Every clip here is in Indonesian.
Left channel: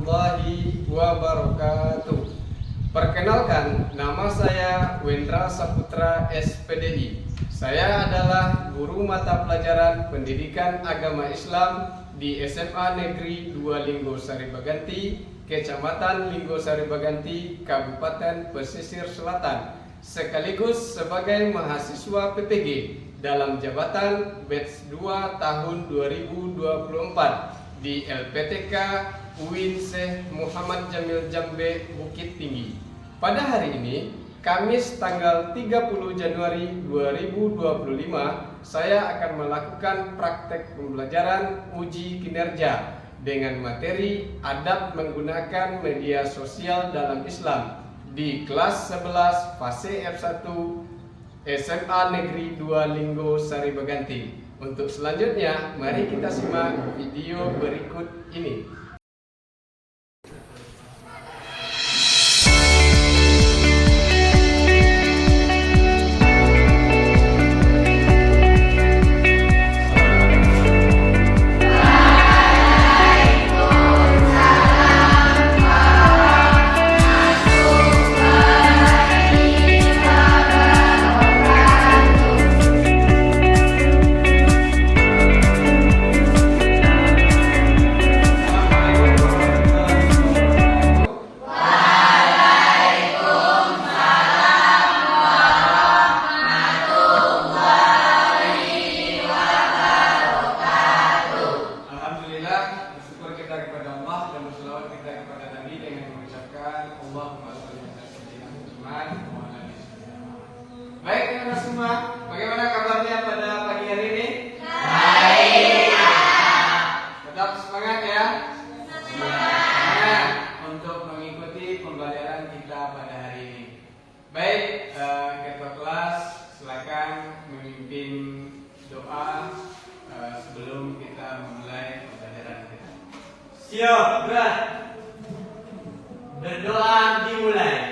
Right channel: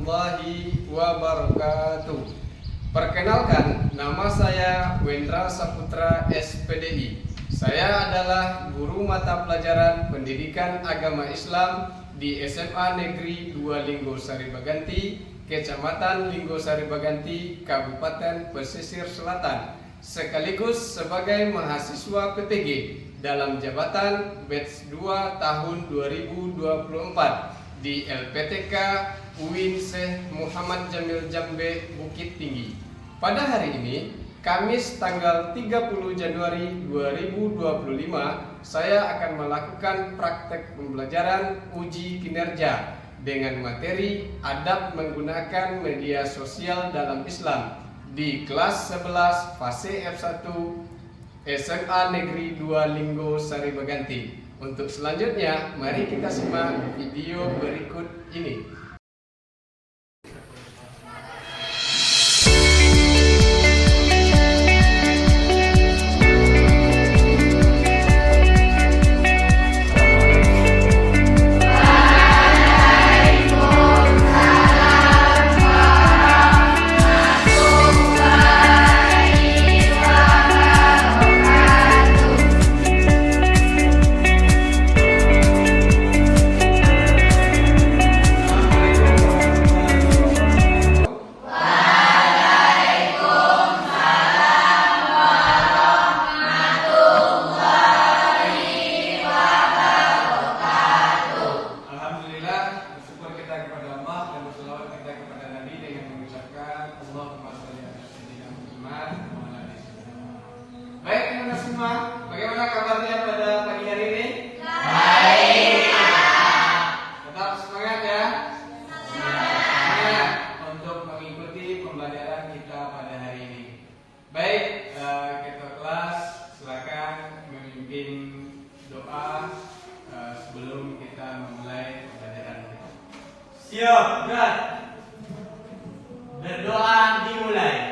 warahmatullahi wabarakatuh. Perkenalkan, nama saya Wendra Saputra SPDI. Saya adalah guru mata pelajaran Pendidikan Agama Islam di SMA Negeri 2 Linggo Sari Baganti, Kecamatan Linggo Sari Baganti, Kabupaten Pesisir Selatan, sekaligus sebagai mahasiswa PTG dalam jabatan batch 2 tahun 2024 di LPTK UIN Syekh Muhammad Jamil Jambe Bukit Tinggi. Pada hari ini, Kamis tanggal 30 Januari 2025, saya akan melakukan praktek pembelajaran uji kinerja dengan materi adab menggunakan media sosial dalam Islam di kelas 11 fase F1 SMA Negeri 2 Linggo Sari Baganti. Untuk selanjutnya, mari kita simak video berikut ini. Baik teman-teman semua, bagaimana kabarnya pada pagi hari ini? Baik. Tetap semangat ya. Semangat untuk mengikuti pembelajaran kita pada hari ini. Baik, ketua kelas silakan memimpin doa sebelum kita memulai pembelajaran kita. Siap, berat. Berdoa dimulai.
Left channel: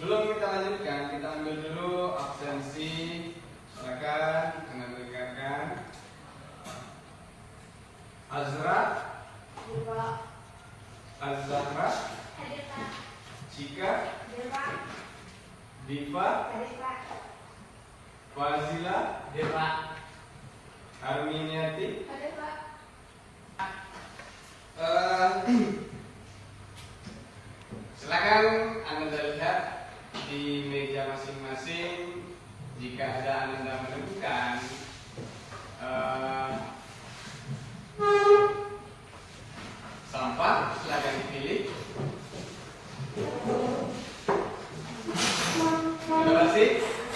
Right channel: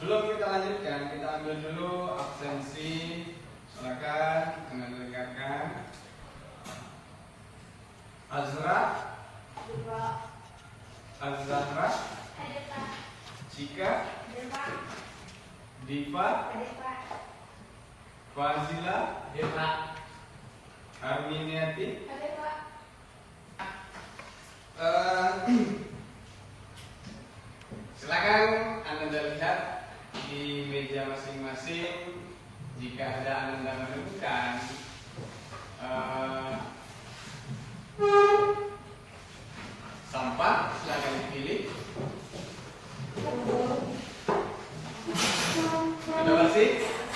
Sebelum kita lanjutkan, kita ambil dulu absensi. Silakan mendengarkan. Azra, Azra, Cika, Diva, Fazila, Arminiati. Silakan Anda lihat di meja masing-masing. Jika ada Anda menemukan sampah, silakan dipilih. Sudah bersih?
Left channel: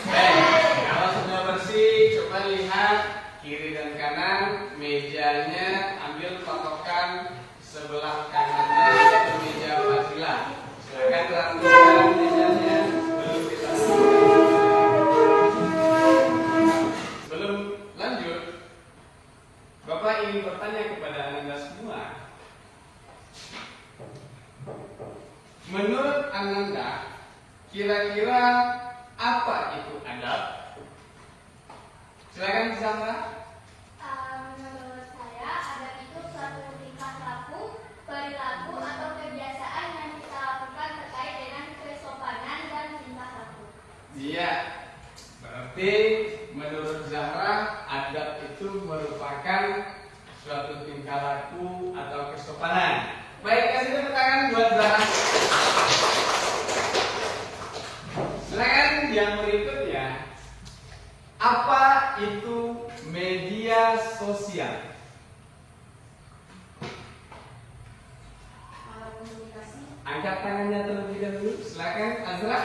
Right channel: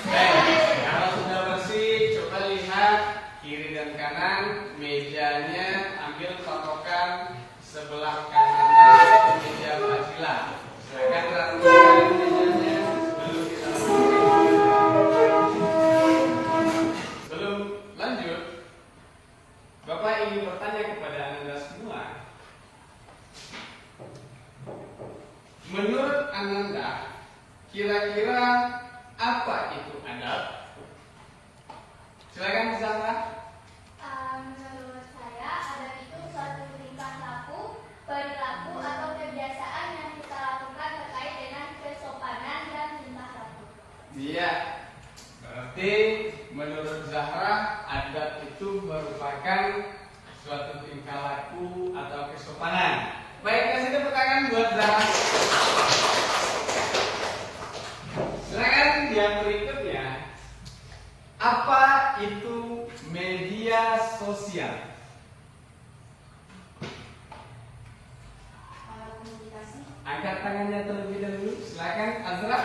Baik. Kalau sudah bersih, coba lihat kiri dan kanan mejanya. Ambil patokan sebelah kanannya itu meja Fazila. Silakan rapikan mejanya sebelum kita Sebelum lanjut, Bapak ingin bertanya kepada Anda semua. Menurut Anda, kira-kira apa itu adab? Silakan disangka. Menurut saya, adab itu suatu tingkah laku, perilaku atau kebiasaan yang kita lakukan terkait dengan tingkah laku atau kesopanan. Baik, kasih tepuk tangan buat Zahra. Silakan yang berikutnya. Apa itu media sosial? Alat komunikasi. Angkat tangannya terlebih dahulu. Silakan Azra.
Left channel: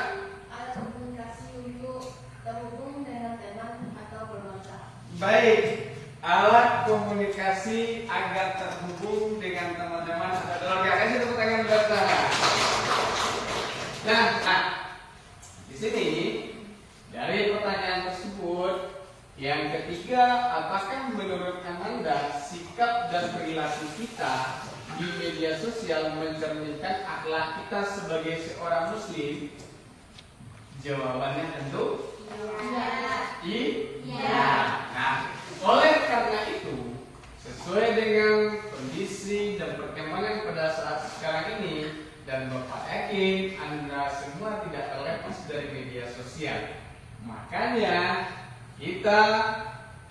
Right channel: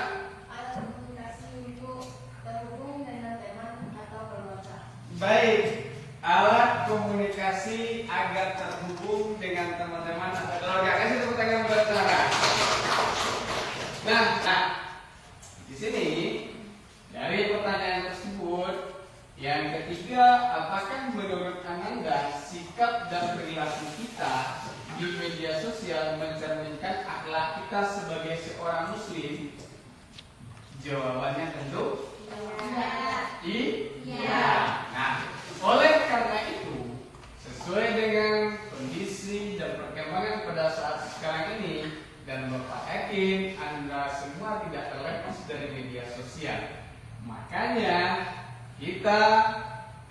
Alat komunikasi untuk terhubung dengan teman atau keluarga. Baik, alat komunikasi agar terhubung dengan teman-teman atau keluarga. Kasih tepuk tangan buat Zahra. Nah, di sini dari pertanyaan tersebut, yang ketiga, apakah menurut Amanda sikap dan perilaku kita di media sosial mencerminkan akhlak kita sebagai seorang muslim? Jawabannya tentu iya. Nah, oleh karena itu, sesuai dengan kondisi dan perkembangan pada saat sekarang ini, dan Bapak yakin Anda semua tidak terlepas dari media sosial. Makanya kita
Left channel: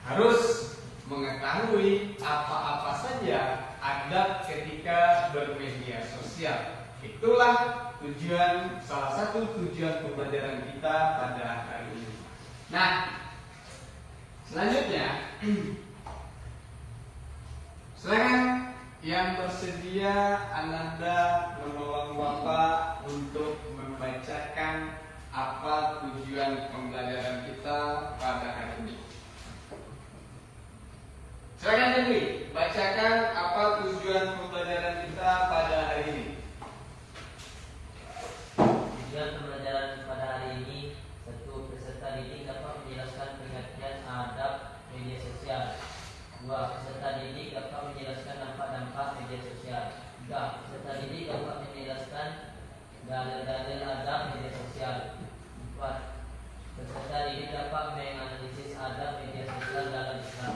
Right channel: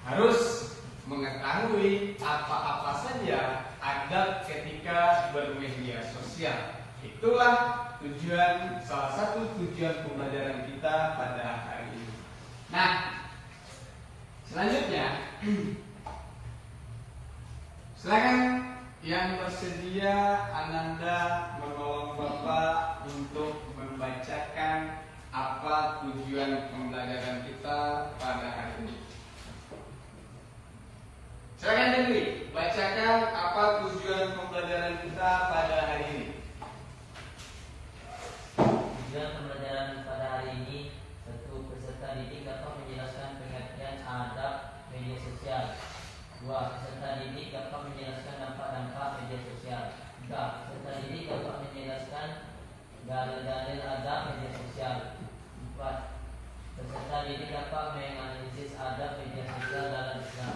harus mengetahui apa-apa saja adab ketika bermedia sosial. Itulah salah satu tujuan pembelajaran kita pada hari ini. Nah, selanjutnya silakan yang bersedia Ananda menolong Bapak untuk membacakan apa tujuan pembelajaran kita pada hari ini. Silakan Dewi, bacakan apa tujuan pembelajaran kita pada hari ini. Tujuan pembelajaran pada hari ini, satu, peserta didik dapat menjelaskan pengertian adab media sosial. 2. Peserta didik dapat menjelaskan dampak-dampak media sosial. 3. Peserta didik dapat menjelaskan dalil-dalil adab media sosial. 4. Peserta didik dapat menganalisis adab media sosial dalam Islam.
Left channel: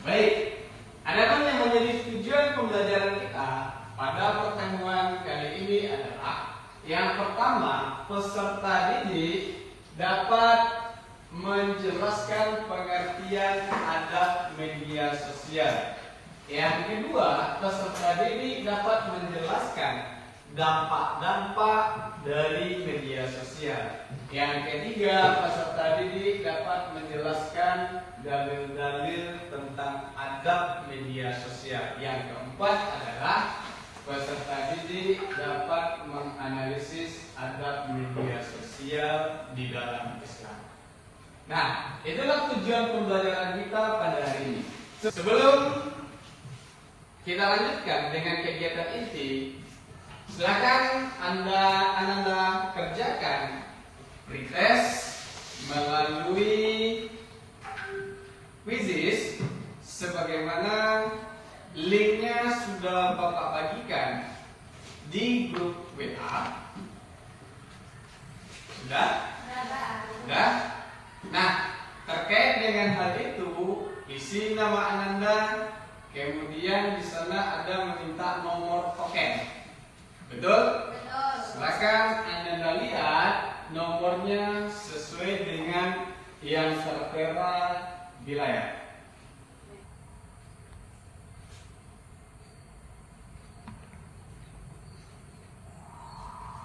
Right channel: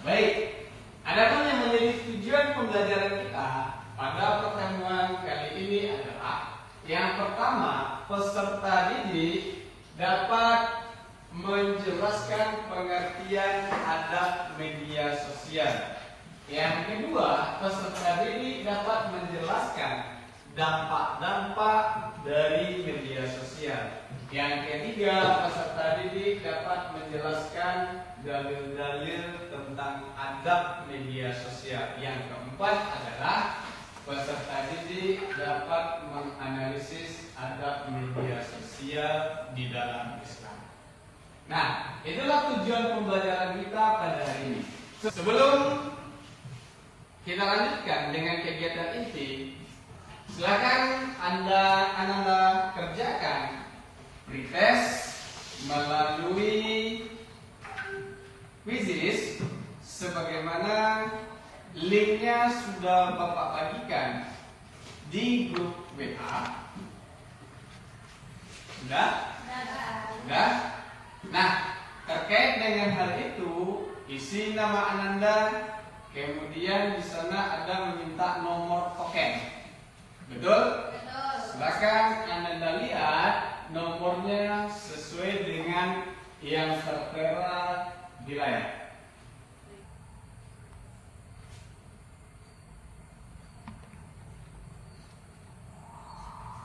Baik, adapun yang menjadi tujuan pembelajaran kita pada pertemuan kali ini adalah yang pertama, peserta didik dapat menjelaskan pengertian adab media sosial. Yang kedua, peserta didik dapat menjelaskan dampak-dampak dari media sosial. Yang ketiga, peserta didik dapat menjelaskan dalil-dalil tentang adab media sosial. Yang keempat adalah peserta didik dapat menganalisis adab media sosial di dalam Islam. Nah, itulah tujuan pembelajaran kita pada hari ini. Sebelum kita lanjutkan dengan kegiatan inti, silakan Anda kerjakan pretest melalui quizzes sebagaimana linknya sudah Bapak bagikan di grup WA. Sudah? Sudah? Nah, terkait dengan hal itu, isi nama Ananda, kemudian di sana ada meminta nomor token. Betul? Betul. Silakan Anda lihat nomornya sesuai dengan yang tertera di layar.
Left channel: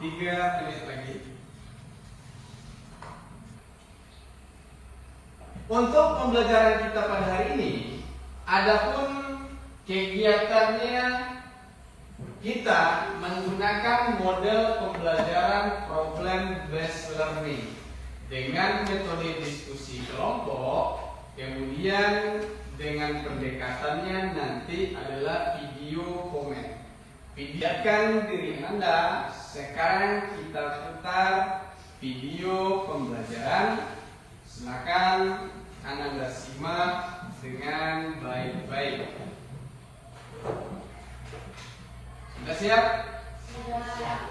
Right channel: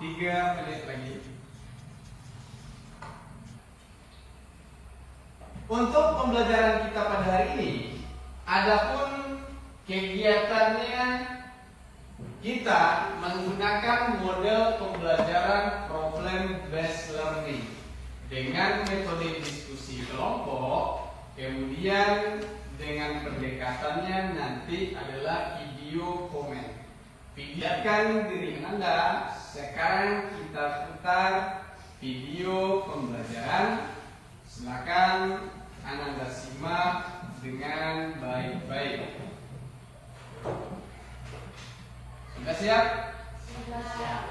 Tiga menit lagi. Untuk pembelajaran kita pada hari ini, adapun kegiatannya kita menggunakan model pembelajaran problem based learning dengan metode diskusi kelompok, kemudian dengan pendekatannya nanti adalah video komen. Videokan diri Anda. Sekarang kita putar video pembelajaran. Silakan Anda simak dengan baik-baik. Sudah siap? Sudah siap.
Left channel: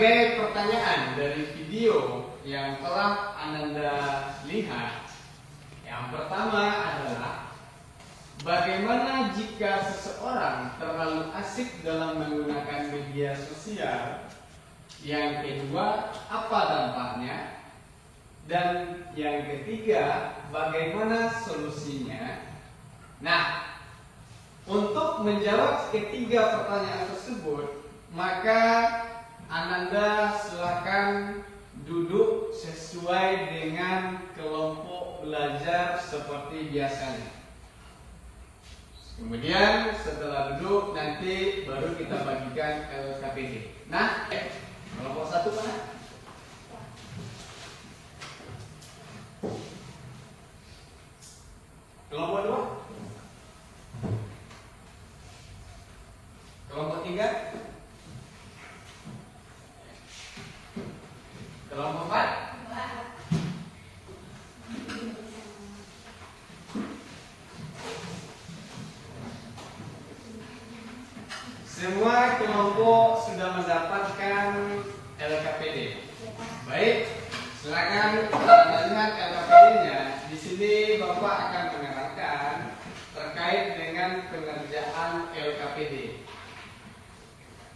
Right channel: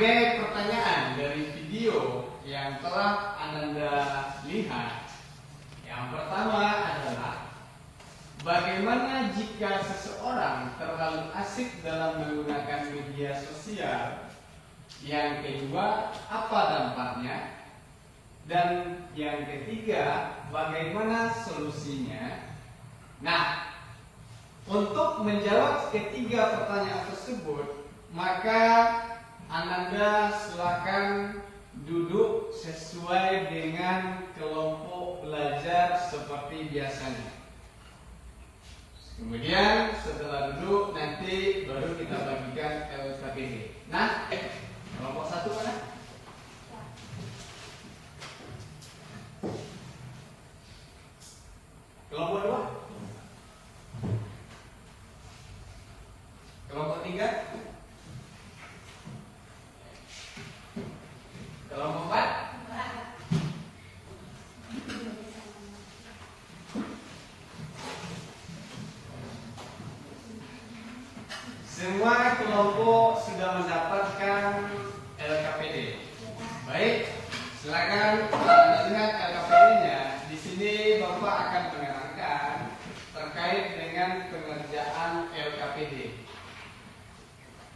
sebagai pertanyaan dari video yang telah Ananda lihat, yang pertama adalah bagaimana jika seseorang terlalu asik dalam menggunakan media sosial? Yang kedua, apa dampaknya? Dan yang ketiga, bagaimana solusinya? Nah, untuk menjawab ketiga pertanyaan tersebut, maka Ananda silakan duduk sesuai dengan kelompok belajar seperti biasanya. Kemudian setelah duduk nanti baru kita bagikan LKPD. Nah, kelompok satu mana? Kelompok dua? Kelompok tiga? Kelompok empat? Semua kelompok sudah mendapatkan LKPD. Baik, silakan Anda lihat LKPD-nya. Di sini Bapak akan menerangkan terkait dengan pengerjaan LKPD.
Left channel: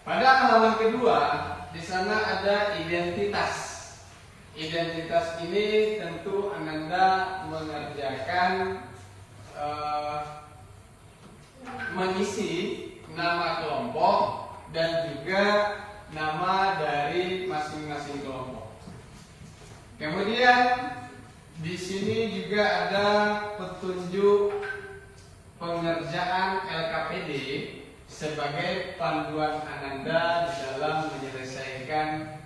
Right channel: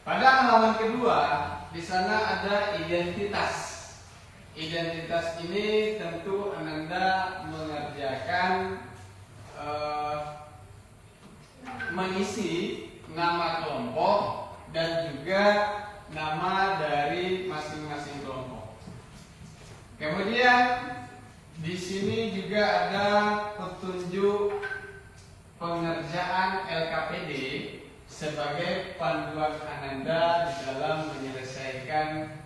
Pada halaman kedua, di sana ada identitas. Identitas ini tentu Ananda mengerjakan mengisi nama kelompok dan juga nama dari masing-masing kelompok. Kemudian di sini juga ada petunjuk pengerjaan LKPD sebagai panduan Ananda di dalam menyelesaikan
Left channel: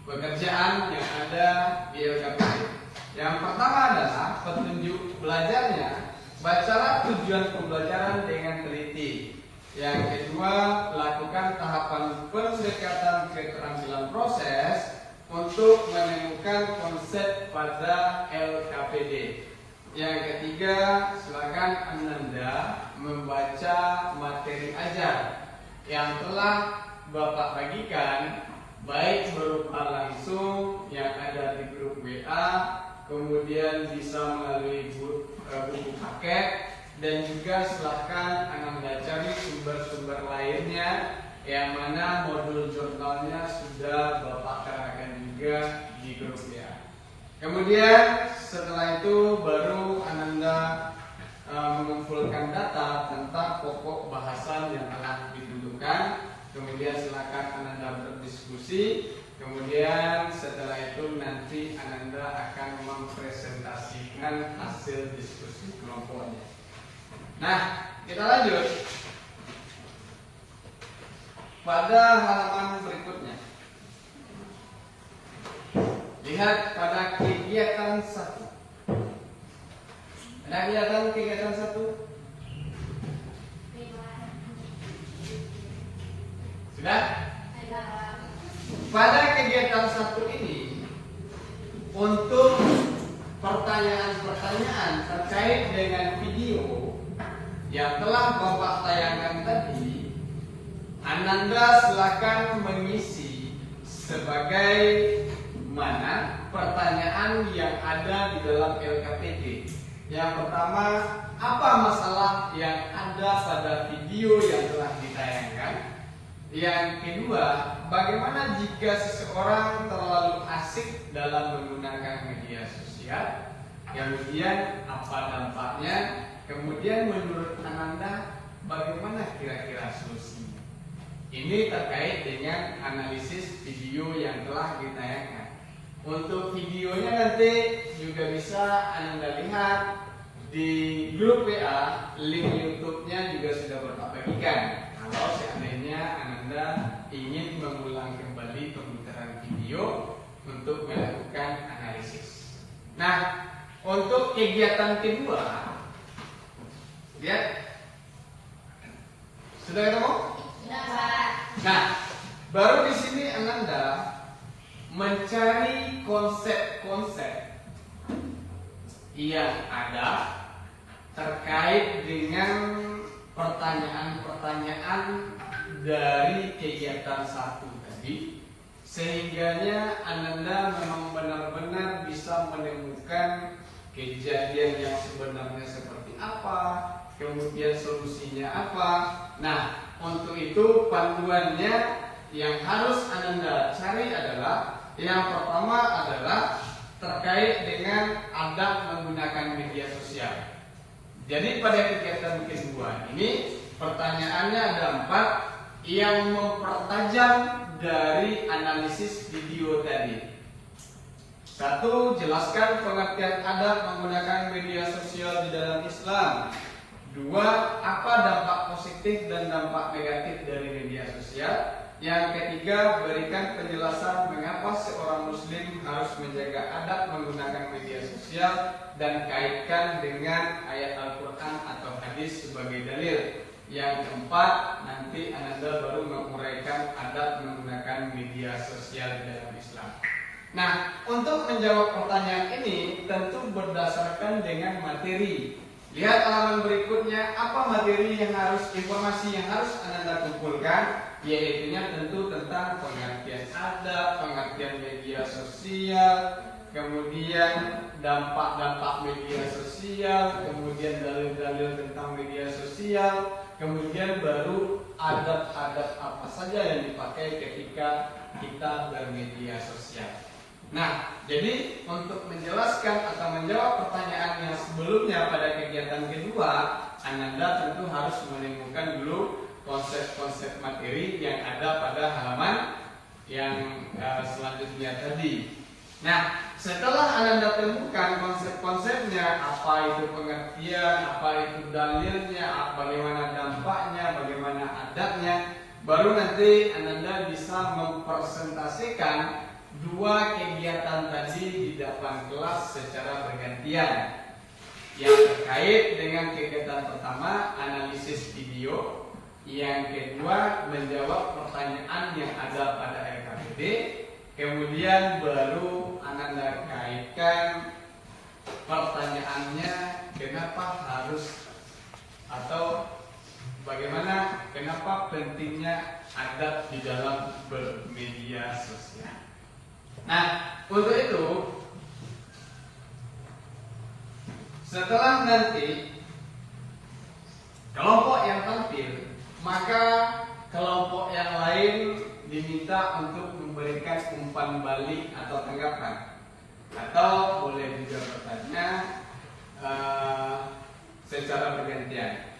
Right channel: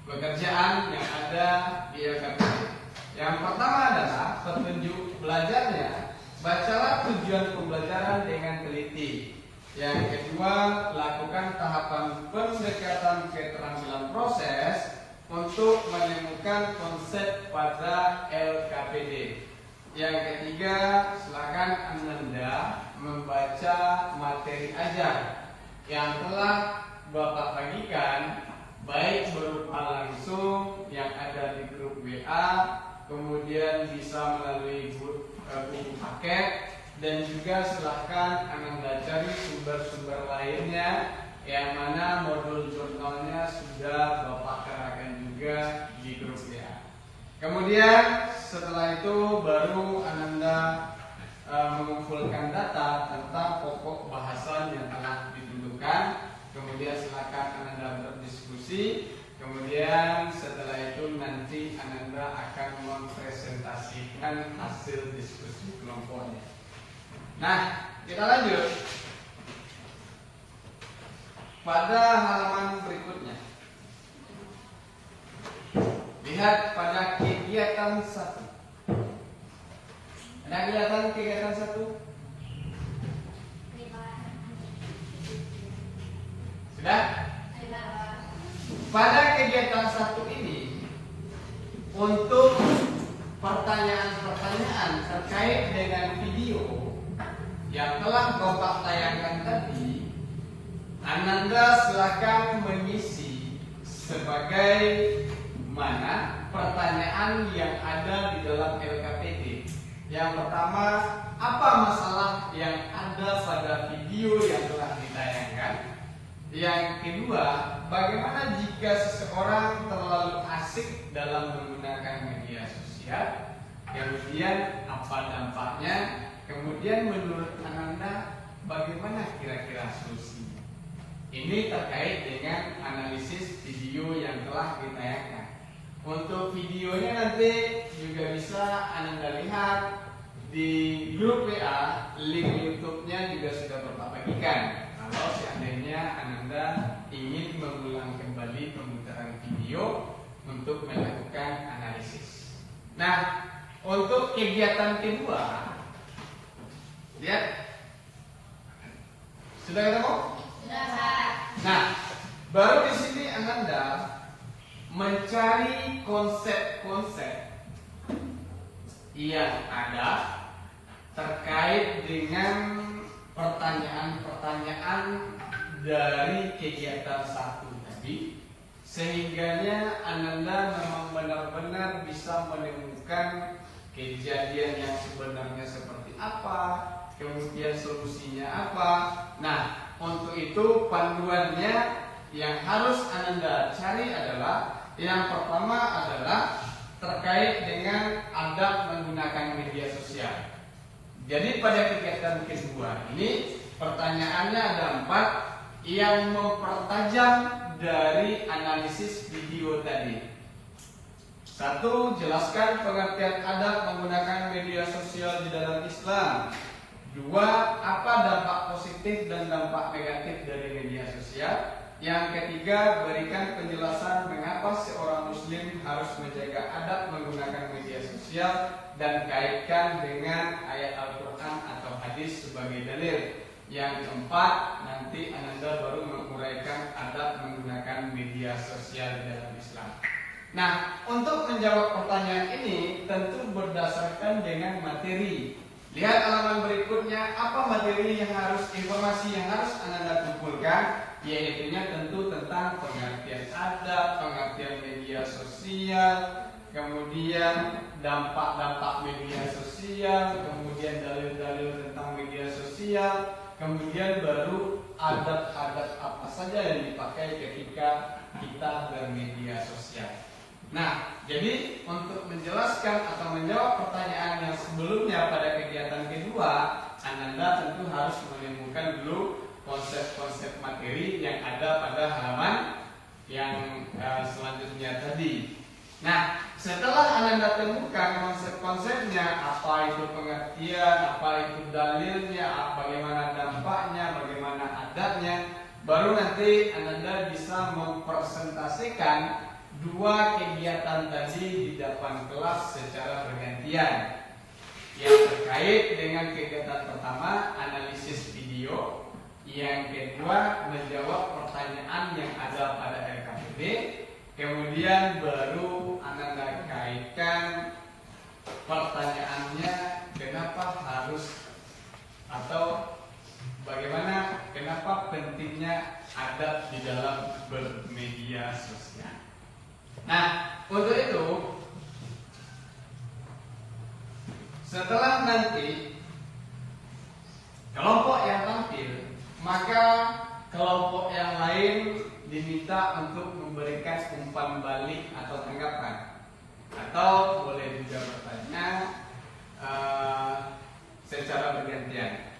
pekerjaan yang ada di LKPD. Yang pertama adalah petunjuk belajarnya. Bacalah tujuan pembelajaran dengan teliti. Yang kedua, lakukan tahapan pendekatan keterampilan proses untuk menemukan konsep pada LKPD. Yang ketiga, silakan Ananda membaca materi ajar yang telah Bapak bagikan, baik berupa langsung yang ada di grup WA, kemudian bisa melalui buku paket, dan juga silahkan Ananda cari sumber-sumber lainnya yang mana modul jurnalnya sudah Bapak kerahkan juga di grup ya. Kemudian setelah itu baru Ananda mengumpulkan data tentang pokok bahasan yang telah ditentukan. Kemudian silakan Ananda berdiskusi. Kemudian setelah itu nanti Ananda akan mempresentasikan hasil diskusi kelompoknya. Nah, kita lanjut pada halaman berikutnya. Lihat pada kegiatan 1. Ada kelihatan kegiatan 1? Sudah? Pada kegiatan 1 ini, untuk pertanyaan-pertanyaan terkait dengan video yang telah Bapak tayangkan tadi, Ananda silakan mengisi sebagai mana pertanyaan yang ada di dalam LKPD. Yang pertama, apa masalah yang ada pada video yang telah ditayangkan? Yang kedua, bagaimana jika seseorang terlalu asik dalam menggunakan media sosial? Kemudian apa dampaknya? Kemudian menurut Ananda bagaimana kira-kira solusinya? Ini terkait dengan analisis video yang telah ditayangkan. Untuk videonya nanti juga bisa Ananda lihat di grup WA, link YouTube-nya juga sudah Bapak bagikan. Kalau seandainya Ananda ingin mengulang kembali pemutaran video untuk melakukan analisis. Nah, untuk kegiatan kedua, lihat, sudah ketemu? Sudah. Nah, baru di sini Ananda mencari konsep-konsep yang ada terkait dengan pertanyaan-pertanyaan dari kegiatan satu tadi, sehingganya Ananda memang benar-benar bisa menemukan kejadian yang sebenarnya seperti apa, kemudian solusinya apa. Nah, untuk itu panduannya yang harus Ananda cari adalah yang pertama adalah terkait dengan adab menggunakan media sosial. Jadi pada kegiatan kedua ini pertanyaannya ada 4 yang mempertajam dari analisis video tadi. 1. Jelaskan pengertian adab menggunakan media sosial di dalam Islam. 2. Apa dampak positif dan dampak negatif dari media sosial. Yang ketiga, berikan penjelasan mengapa seorang muslim harus menjaga adab menggunakan media sosial dan kaitkan dengan ayat Al-Quran atau hadis sebagai dalil. Yang keempat, nanti Ananda baru menguraikan adab menggunakan media sosial di dalam Islam. Nah, untuk menjawab pertanyaan ini tentu berdasarkan dengan materi. Lihat halaman berikutnya, apa materi yang harus, informasi yang harus Ananda kumpulkan, yaitu tentu tentang pengertian adab, pengertian media sosial, kemudian dampak-dampak media sosial, kemudian dalil-dalil tentang media sosial, kemudian baru adab-adab apa saja yang dipakai ketika kita bermedia sosial. Nah, jadi untuk menjelaskan atau menjawab pertanyaan yang sebelumnya pada kegiatan kedua, Ananda tentu harus menemukan dulu konsep-konsep materi yang ada pada halaman yang selanjutnya tadi. Nah, setelah Ananda temukan konsep-konsepnya, apa itu pengertian, apa itu dalilnya, bagaimana dampaknya, bagaimana adabnya, baru nanti Ananda bisa mempresentasikan 2 kegiatan tadi di depan kelas secara bergantian. Yang terkait dengan kegiatan pertama, analisis video. Yang kedua, menjawab pertanyaan yang ada pada LKPD. Kemudian baru Ananda kaitkan pertanyaannya, kenapa harus atau bagaimana, kenapa pentingnya adab di dalam bermedia sosial. Nah, untuk itu setelah nanti kelompok yang tampil, maka kelompok yang lain diminta untuk memberikan umpan balik atau tanggapan, atau boleh juga bertanya secara bergantian.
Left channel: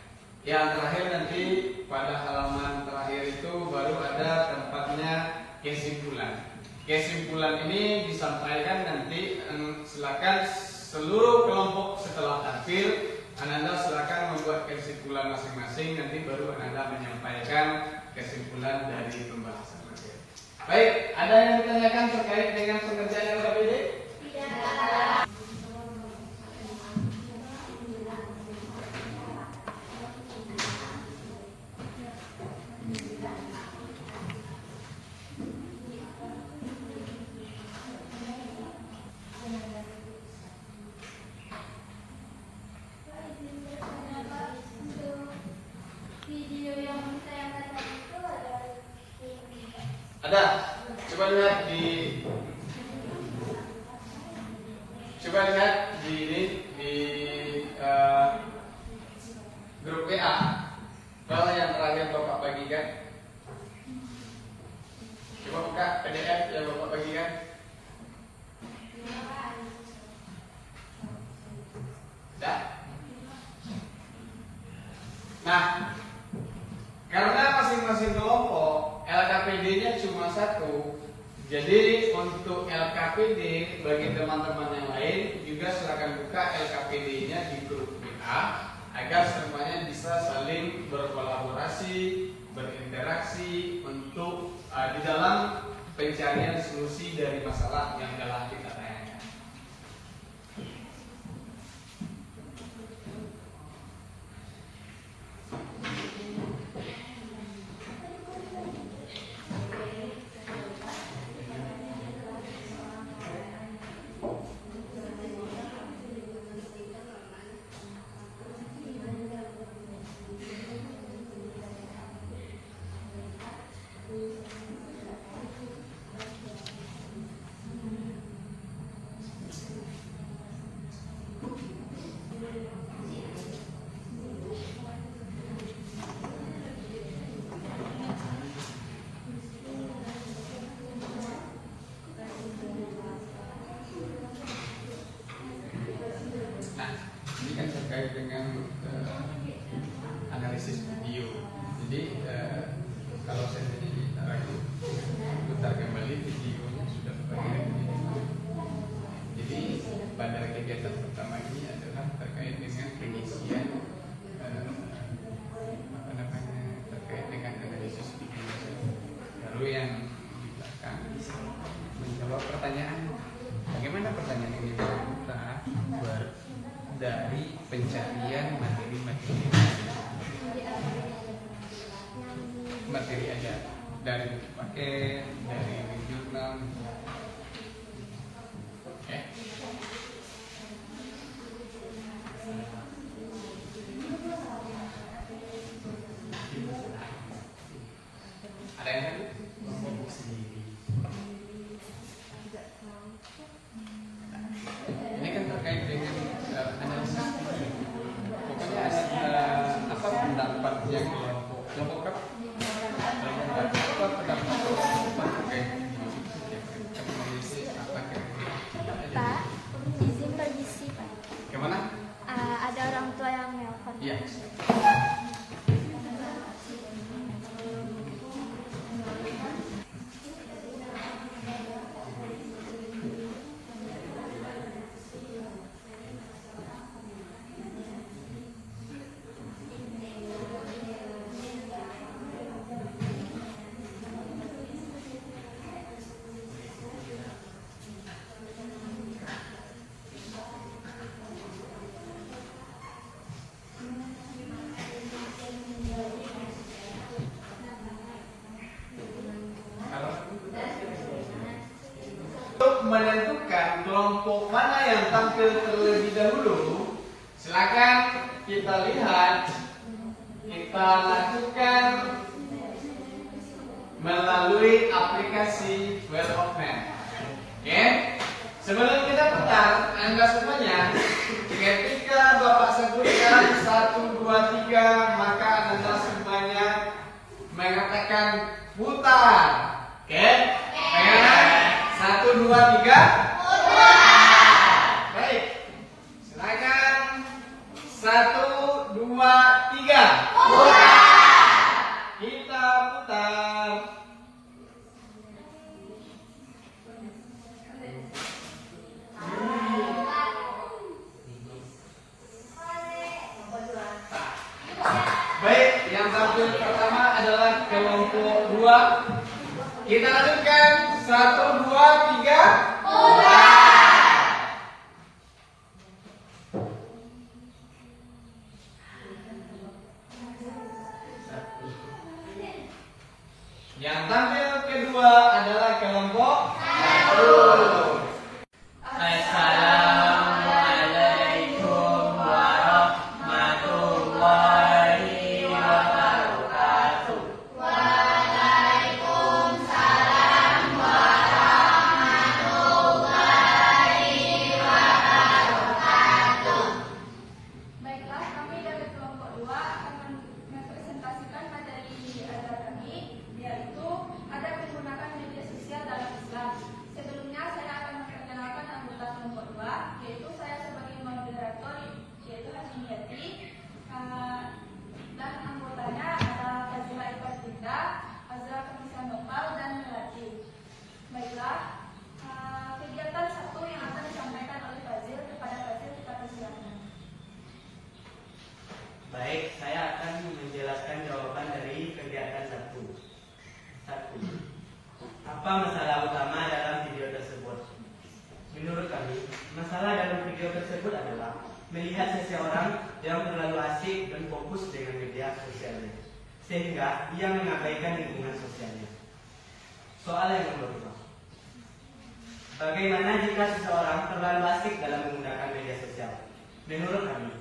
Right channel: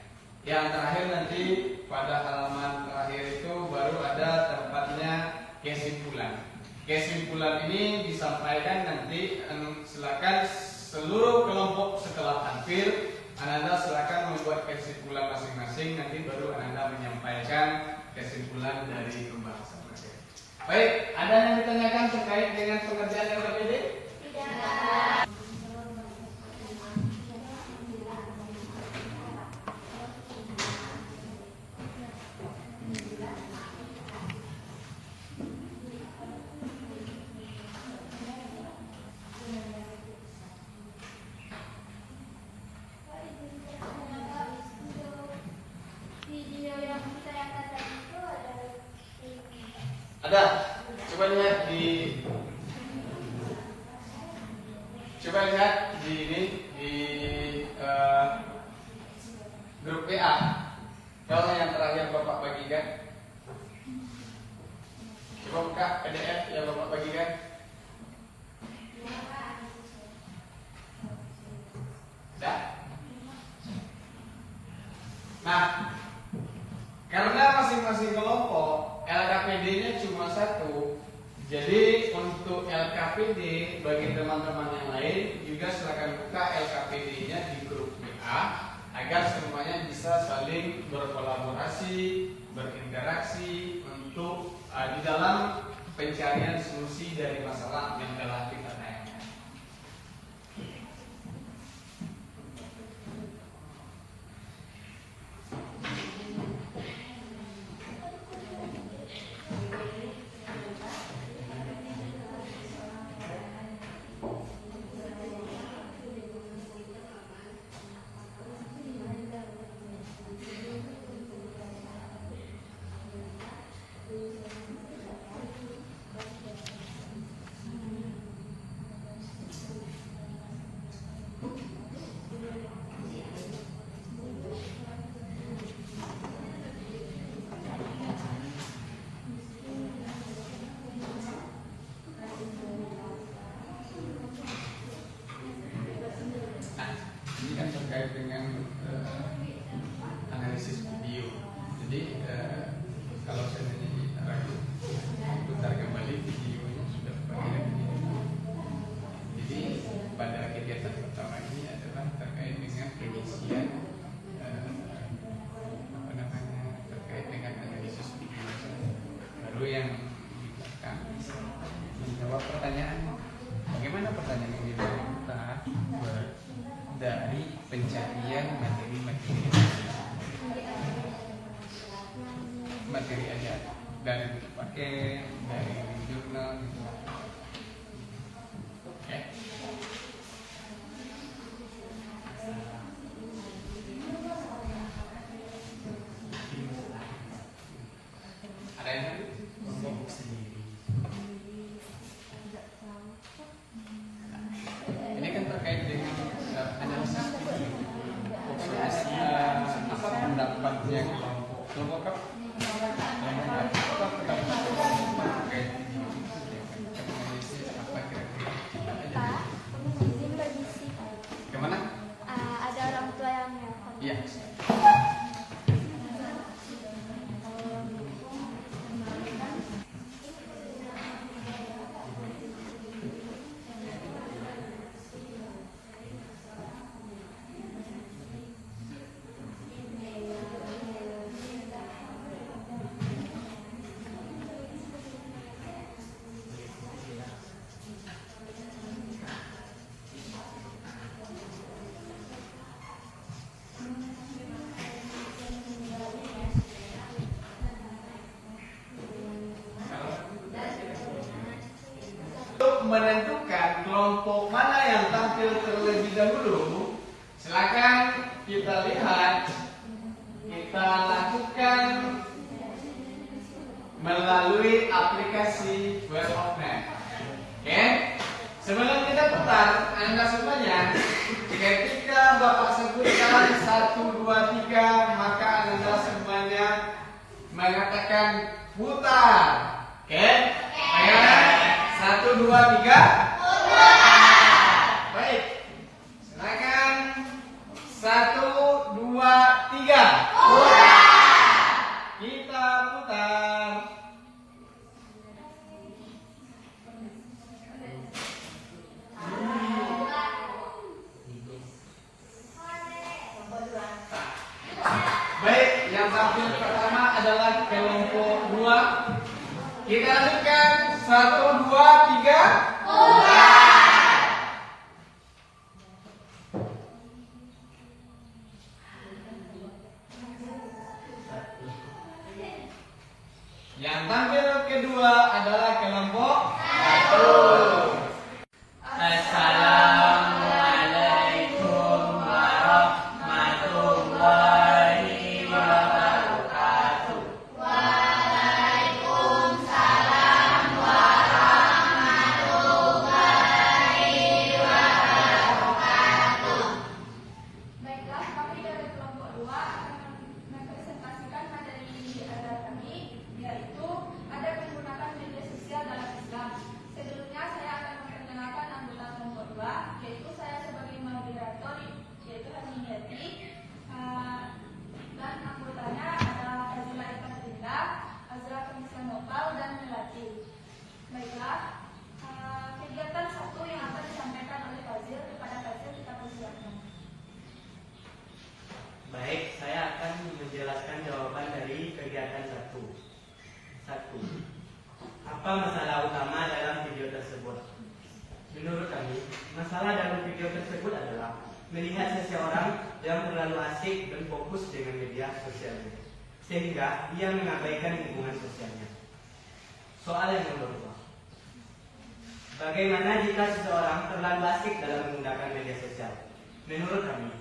Yang terakhir nanti pada halaman terakhir itu baru ada tempatnya kesimpulan. Kesimpulan ini disampaikan nanti, silakan seluruh kelompok setelah tampil, Ananda silakan membuat kesimpulan masing-masing, nanti baru Ananda menyampaikan kesimpulan dari pembahasan materi. Baik, ada yang ditanyakan terkait dengan pengerjaan LKPD? Tidak. Video yang ditayangkan tadi itu ada Ada. Coba lihat di ini di grup WA. Kalau yang terakhir Bapak bagikan. Coba buka PDF yang Bapak bagikan. Ada? Nah, karena masing-masing kelompok LKPD-nya cuma 1, jadi untuk LKPD bagi teman-teman yang lain juga silakan buka LKPD-nya di grup WA agar semuanya bisa saling berkolaborasi, berinteraksi untuk di dalam pencarian solusi dari masalah yang telah kita tanyakan. kalau seandainya ragu, putar kembali videonya sudah bagian di situ. Jadi pada kegiatan pertama ini adalah terkait dengan pengisian terkait dengan analisis lingkungan. Lalu yang di belakang menjawab pertanyaan. Bagaimana pertanyaan yang di belakang kita dari pencarian materi aja dari buku paket, dari jurnal gitu. Oke. Ada yang tadi? Kelompok sendiri. Ini kan terkait dengan analisis pokoknya apa pendapatnya kelompok apa? Apa pendapat kelompok terkait video itu? Analisis apa kira-kira? Pak, izin berbisik. Kemana? Ada orang tua yang nelpon. Iya. Untuk menentukan kelompok mana yang tampil terlebih dahulu, silakan kita lihat, kita lakukan melalui aplikasi Wheel of Map. Oke, sebelum kita putar, Anda semuanya, ketika Bapak sebutkan 1, 2, 3, maka Anda semuanya mengatakan putar. Oke, bagaimana? 1, 2, 3. Baik. Silakan. 1, 2, 3. Kita putar. Baik, yang tampil pertama adalah kelompok 2. Kita lanjutkan 1, 2, 3. Yang tampil kedua adalah kelompok 1. Assalamualaikum warahmatullahi wabarakatuh. Baiklah, kami dari kelompok 2 akan mempresentasikan materi ajar kami, yaitu adab menggunakan media sosial dalam Islam. Sebelumnya saya akan memperkenalkan anggota kelompok 2, yaitu saya sebagai moderator, yaitu Hasmiyati, dan anggotanya adalah Fazila Ikhlas Dinda, Azra Kamisa Nopal, dan Melati. Baiklah, kegiatan satu yang akan disampaikan oleh Fazil kepada Fazil kita persilakan. Baik, saya akan menjelaskan jawaban dari kegiatan 1. Apa masalah utama dalam video tersebut? Menurut kami, masalah dalam video tersebut adalah melihat seseorang yang terlalu asik dan fokus dengan media sosialnya, sehingga ia mengabaikan lingkungan sosialnya. Soal yang nomor 2. Bagaimana jika seseorang terlalu asik dalam menggunakan media sosial? Menurut kami,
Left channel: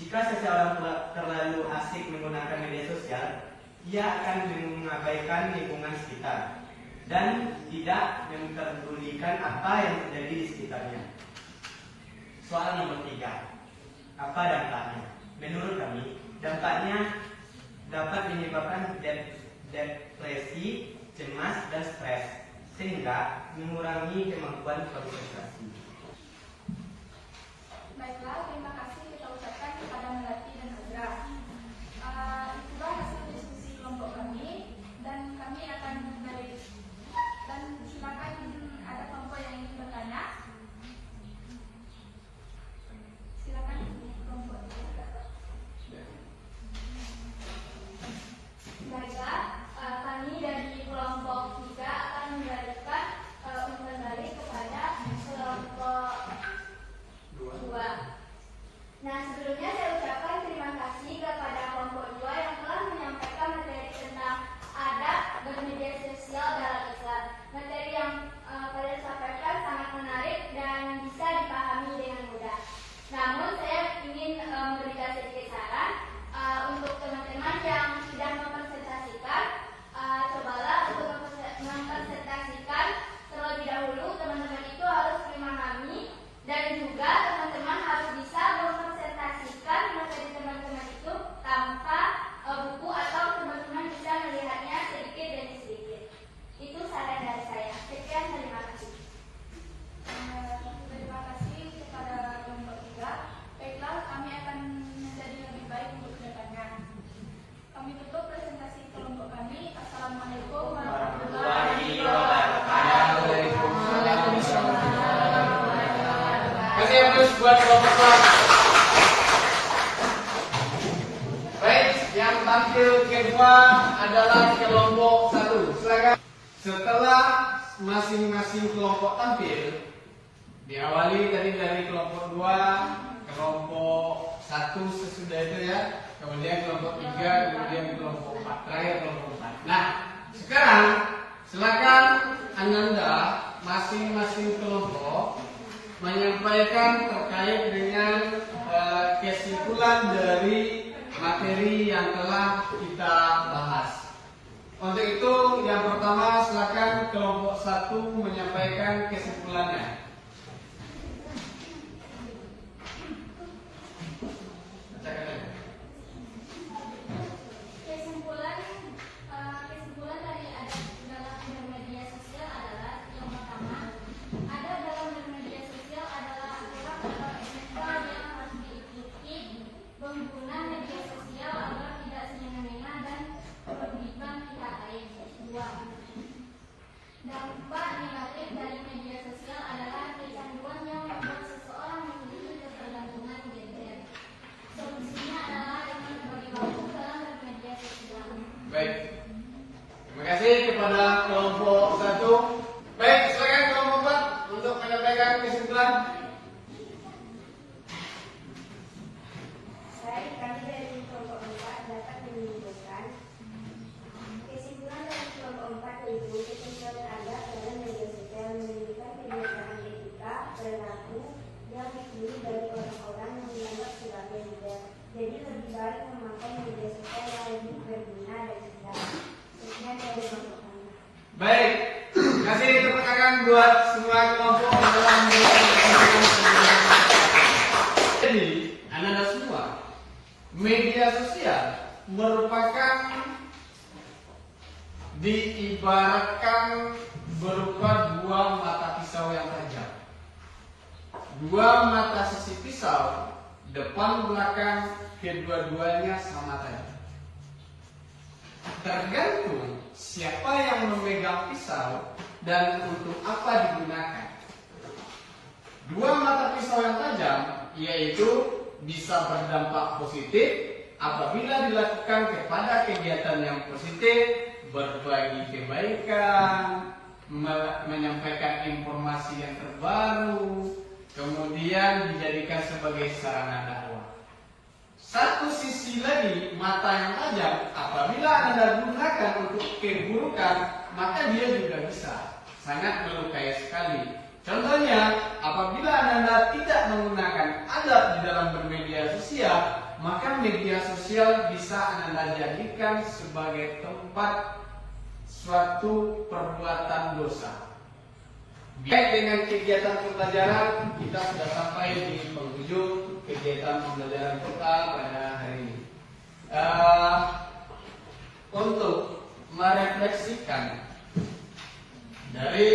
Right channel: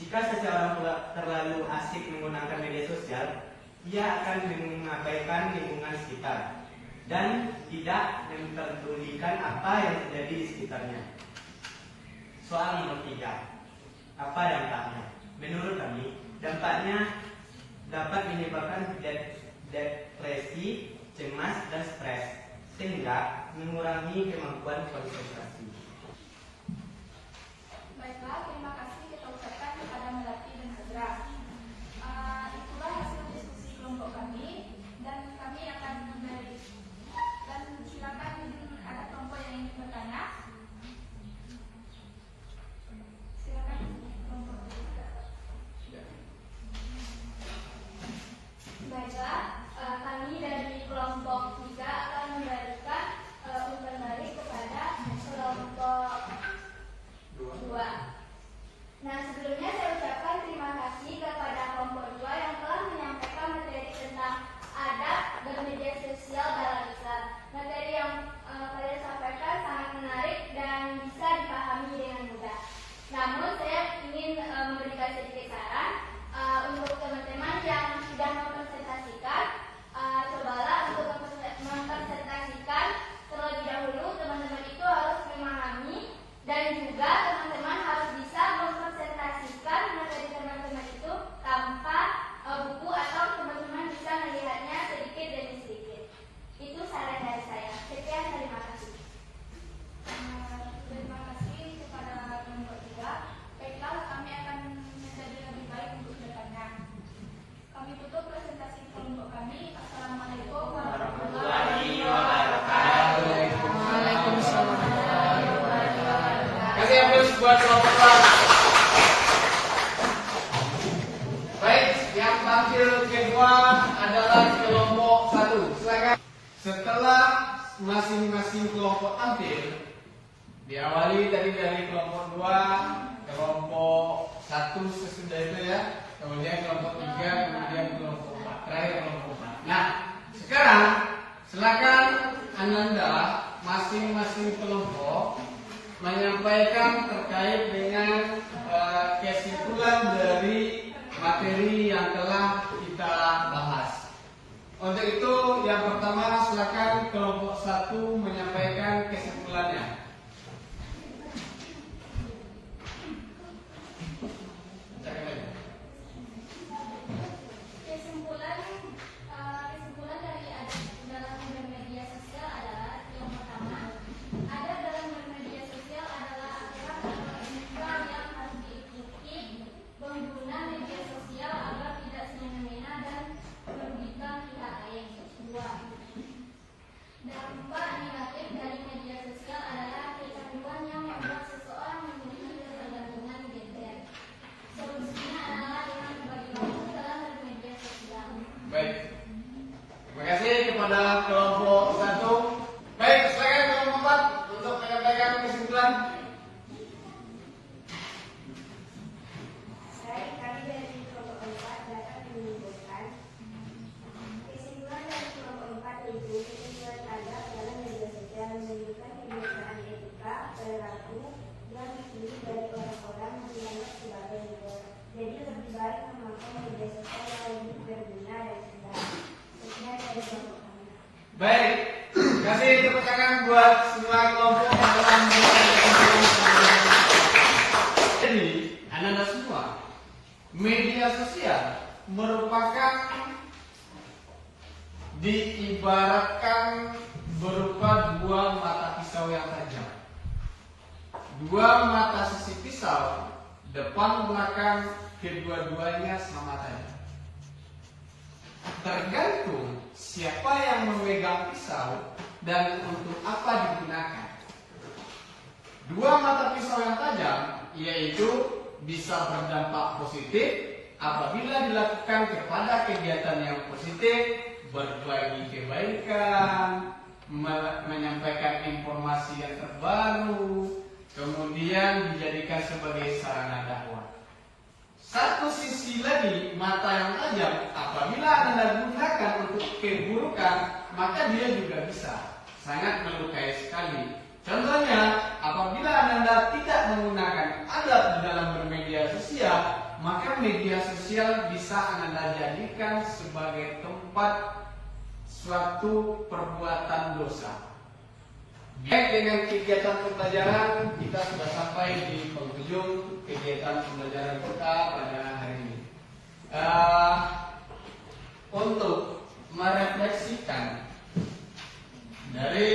jika seseorang terlalu asik menggunakan media sosial, ia akan mengabaikan lingkungan sekitar dan tidak memperdulikan apa yang terjadi di sekitarnya. Soal nomor 3. Apa dampaknya? Menurut kami, dampaknya dapat menyebabkan depresi, cemas, dan stres, sehingga mengurangi kemampuan konsentrasi. Baiklah, terima kasih kita ucapkan kepada Melati dan Azra. Itulah hasil diskusi kelompok kami. kelompok 1. Baik, yang tampil kedua adalah kelompok 1. Silakan. Setelah masing-masing kelompok tampil, diawali tadi dari kelompok 2, kelompok 1 sesudah itu ya, kemudian kelompok 3, kemudian kelompok 4, terakhir kelompok 4. Nah, sekarang silakan Ananda masing-masing kelompok menyampaikan terkait dengan kesimpulan dari materi yang telah kita bahas. Untuk itu, yang pertama silakan kelompok 1 menyampaikan kesimpulannya. Kesimpulan dari adab dalam media sosial adalah yang pertama, adab dalam media sosial adalah aturan atau etika yang harus diikuti pengguna media sosial agar tidak semena-mena dan merugikan pihak lain. 2. Dampak negatif dari media sosial adalah kecanduan yang membuat seseorang memiliki ketergantungan gadget. Solusinya adalah dengan berbagi waktu dalam media sosial. Baik. Terima kasih kepada kelompok 1. Baik, silakan kelompok 4 untuk menyampaikan kesimpulan. Baik, kami dari kelompok 4 dapat menyimpulkan kesimpulan dari kelompok 4 yaitu kesimpulan adab dalam media sosial menunjukkan kebiasaan etika perilaku yang dipilih dari orang-orang yang dianggap sebagai leader. Jadi lebih baik memakai media sosial yang lebih berguna dan cerdas. Sekian dari kelompok kami. Baik, kasih tepuk tangan buat semua kelompok yang telah menyampaikan. Jadi, anak-anak semua, media sosial merupakan diibaratkan berupa dua mata pisau yang tajam. Dua mata sisi pisau, depan belakang kedua-duanya sama tajam. Tergantung siapa yang memegang pisau dan untuk apa digunakan. Dua mata pisau yang tajam yaitu bisa berdampak positif apabila dilakukan kepada kegiatan yang positif, berbagi kebaikan, menyampaikan informasi yang terbaru, kemudian dijadikan sebagai sarana dakwah. Satu sisi lagi, mata yang tajam, apabila Anda gunakan untuk keburukan, maka dia juga bisa sangat melukai sekali. Contohnya, apabila Anda tidak menggunakan adab di dalam bermedia sosial, maka media sosial bisa Anda jadikan sebagai tempat suatu perbuatan dosa. Baik, dengan kegiatan pembelajaran kita sudah sampai di penghujung kegiatan pembelajaran kita pada hari ini. Untuk merefleksikan dari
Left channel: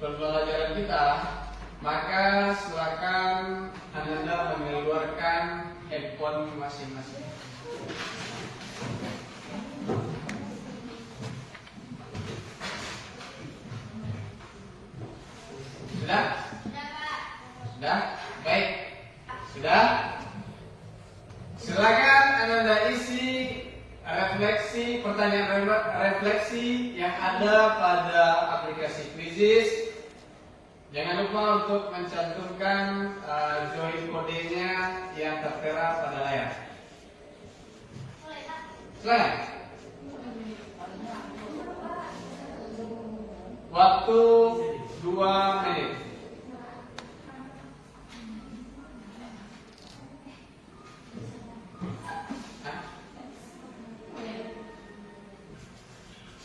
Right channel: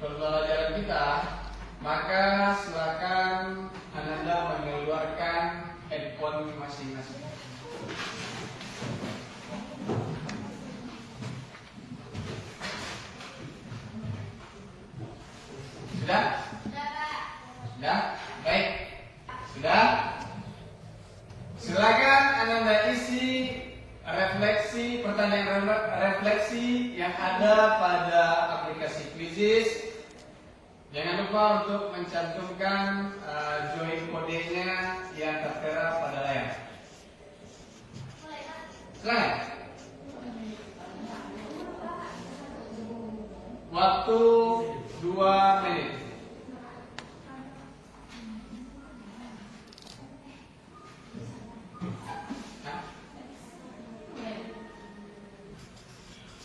pembelajaran kita, maka silakan Anda mengeluarkan handphone masing-masing. Sudah? Sudah? Baik. Sudah? Silakan Anda isi refleksi, pertanyaan refleksi yang ada pada aplikasi Quizizz. Jangan lupa untuk mencantumkan join kodenya yang tertera pada layar. Silakan. Waktu 2 menit.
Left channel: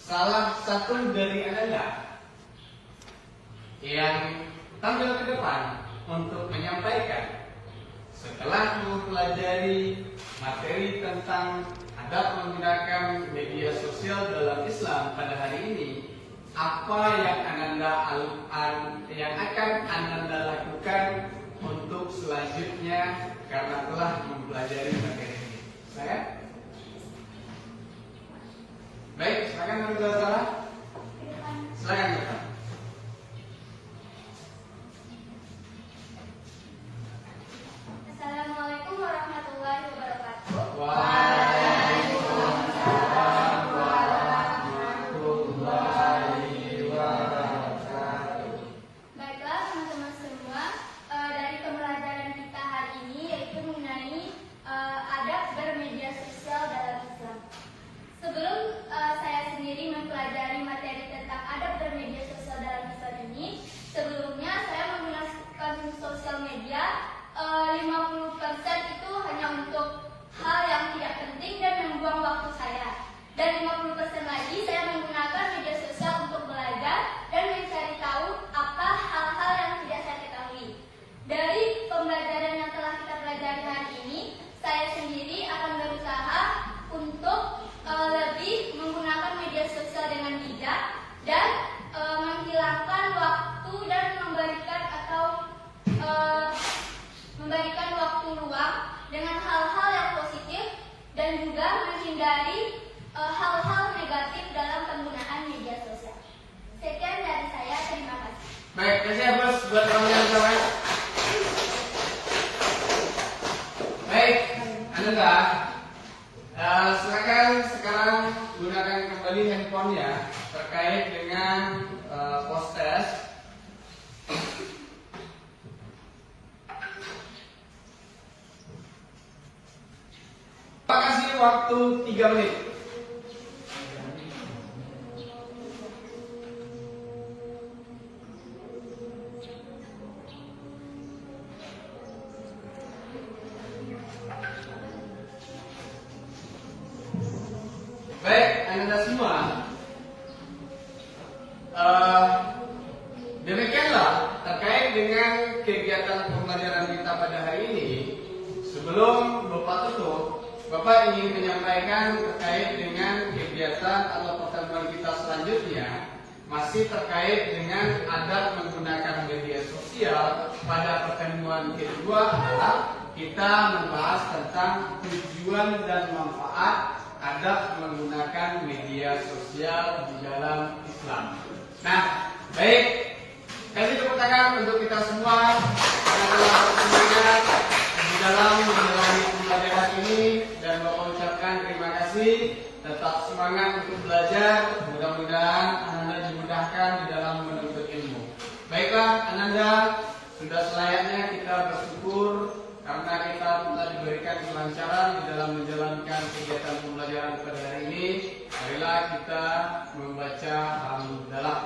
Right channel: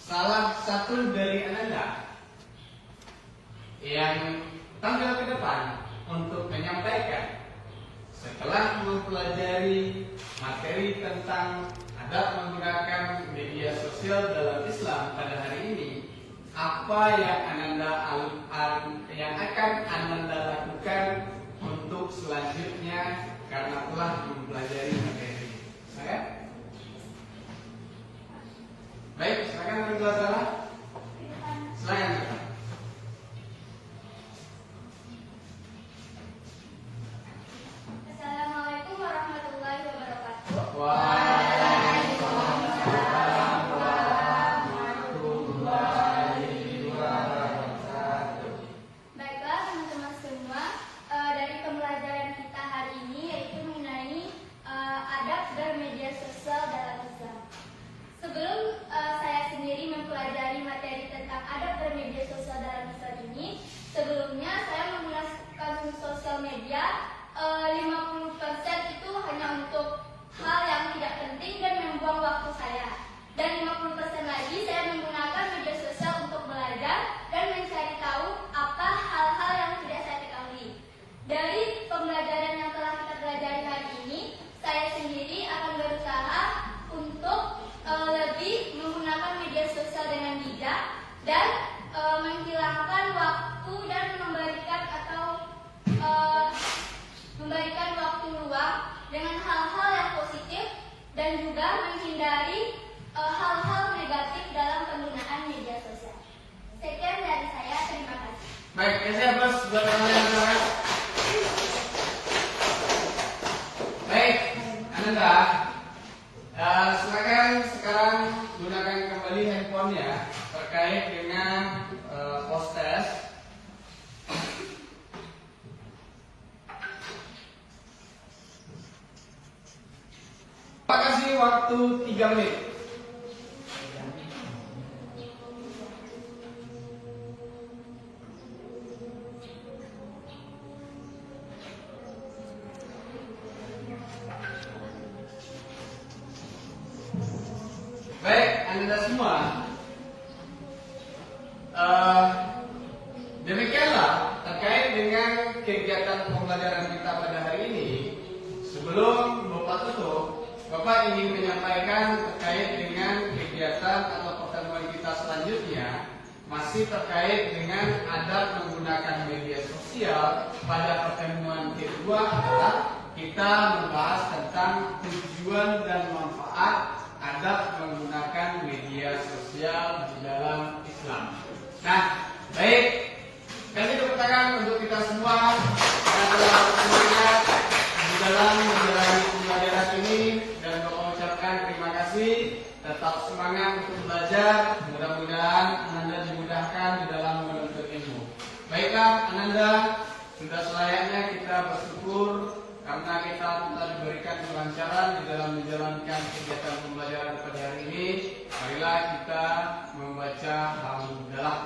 Salah satu dari Anda yang tampil ke depan untuk menyampaikan setelah mempelajari materi tentang adab menggunakan media sosial dalam Islam pada hari ini, apa yang akan Anda lakukan untuk selanjutnya karena telah mempelajari materi ini. Silakan. Baik, silakan berdua salah. Silakan. dan menghilangkan waktu dan memberikan waktu luang dengan hal-hal yang positif dan juga menghindari hal-hal negatif dalam penggunaan media sosial. Sekian dari saya, terima kasih. Baik, kasih ya bos buat kalian semua. Baik, Ananda, silakan sekarang gunakan kembali handphonenya terkait dengan post test. Pak kasih waktu 3 menit. Baik, Anda semua. Demikianlah terkait dengan kegiatan pembelajaran kita pada hari ini. Sebelum Bapak tutup, Bapak ingin menyampaikan terkait dengan kegiatan atau pertemuan kita selanjutnya, masih terkait dengan adab menggunakan media sosial. Pada pertemuan kedua adalah kita membahas tentang tujuan dan manfaat adab menggunakan media sosial di dalam Islam. Nah, baik, kasih tepuk tangan untuk kita semua karena telah bersemangat di dalam menjalani pembelajaran ini, dan Bapak ucapkan terima kasih. Tetap semangat untuk belajar. Mudah-mudahan Ananda dimudahkan di dalam menuntut ilmu. Baiklah, Ananda, sudah selayaknya kita bersyukur karena kita telah diberikan kelancaran di dalam menjalankan kegiatan pembelajaran pada hari ini. Marilah kita membaca Alhamdulillah.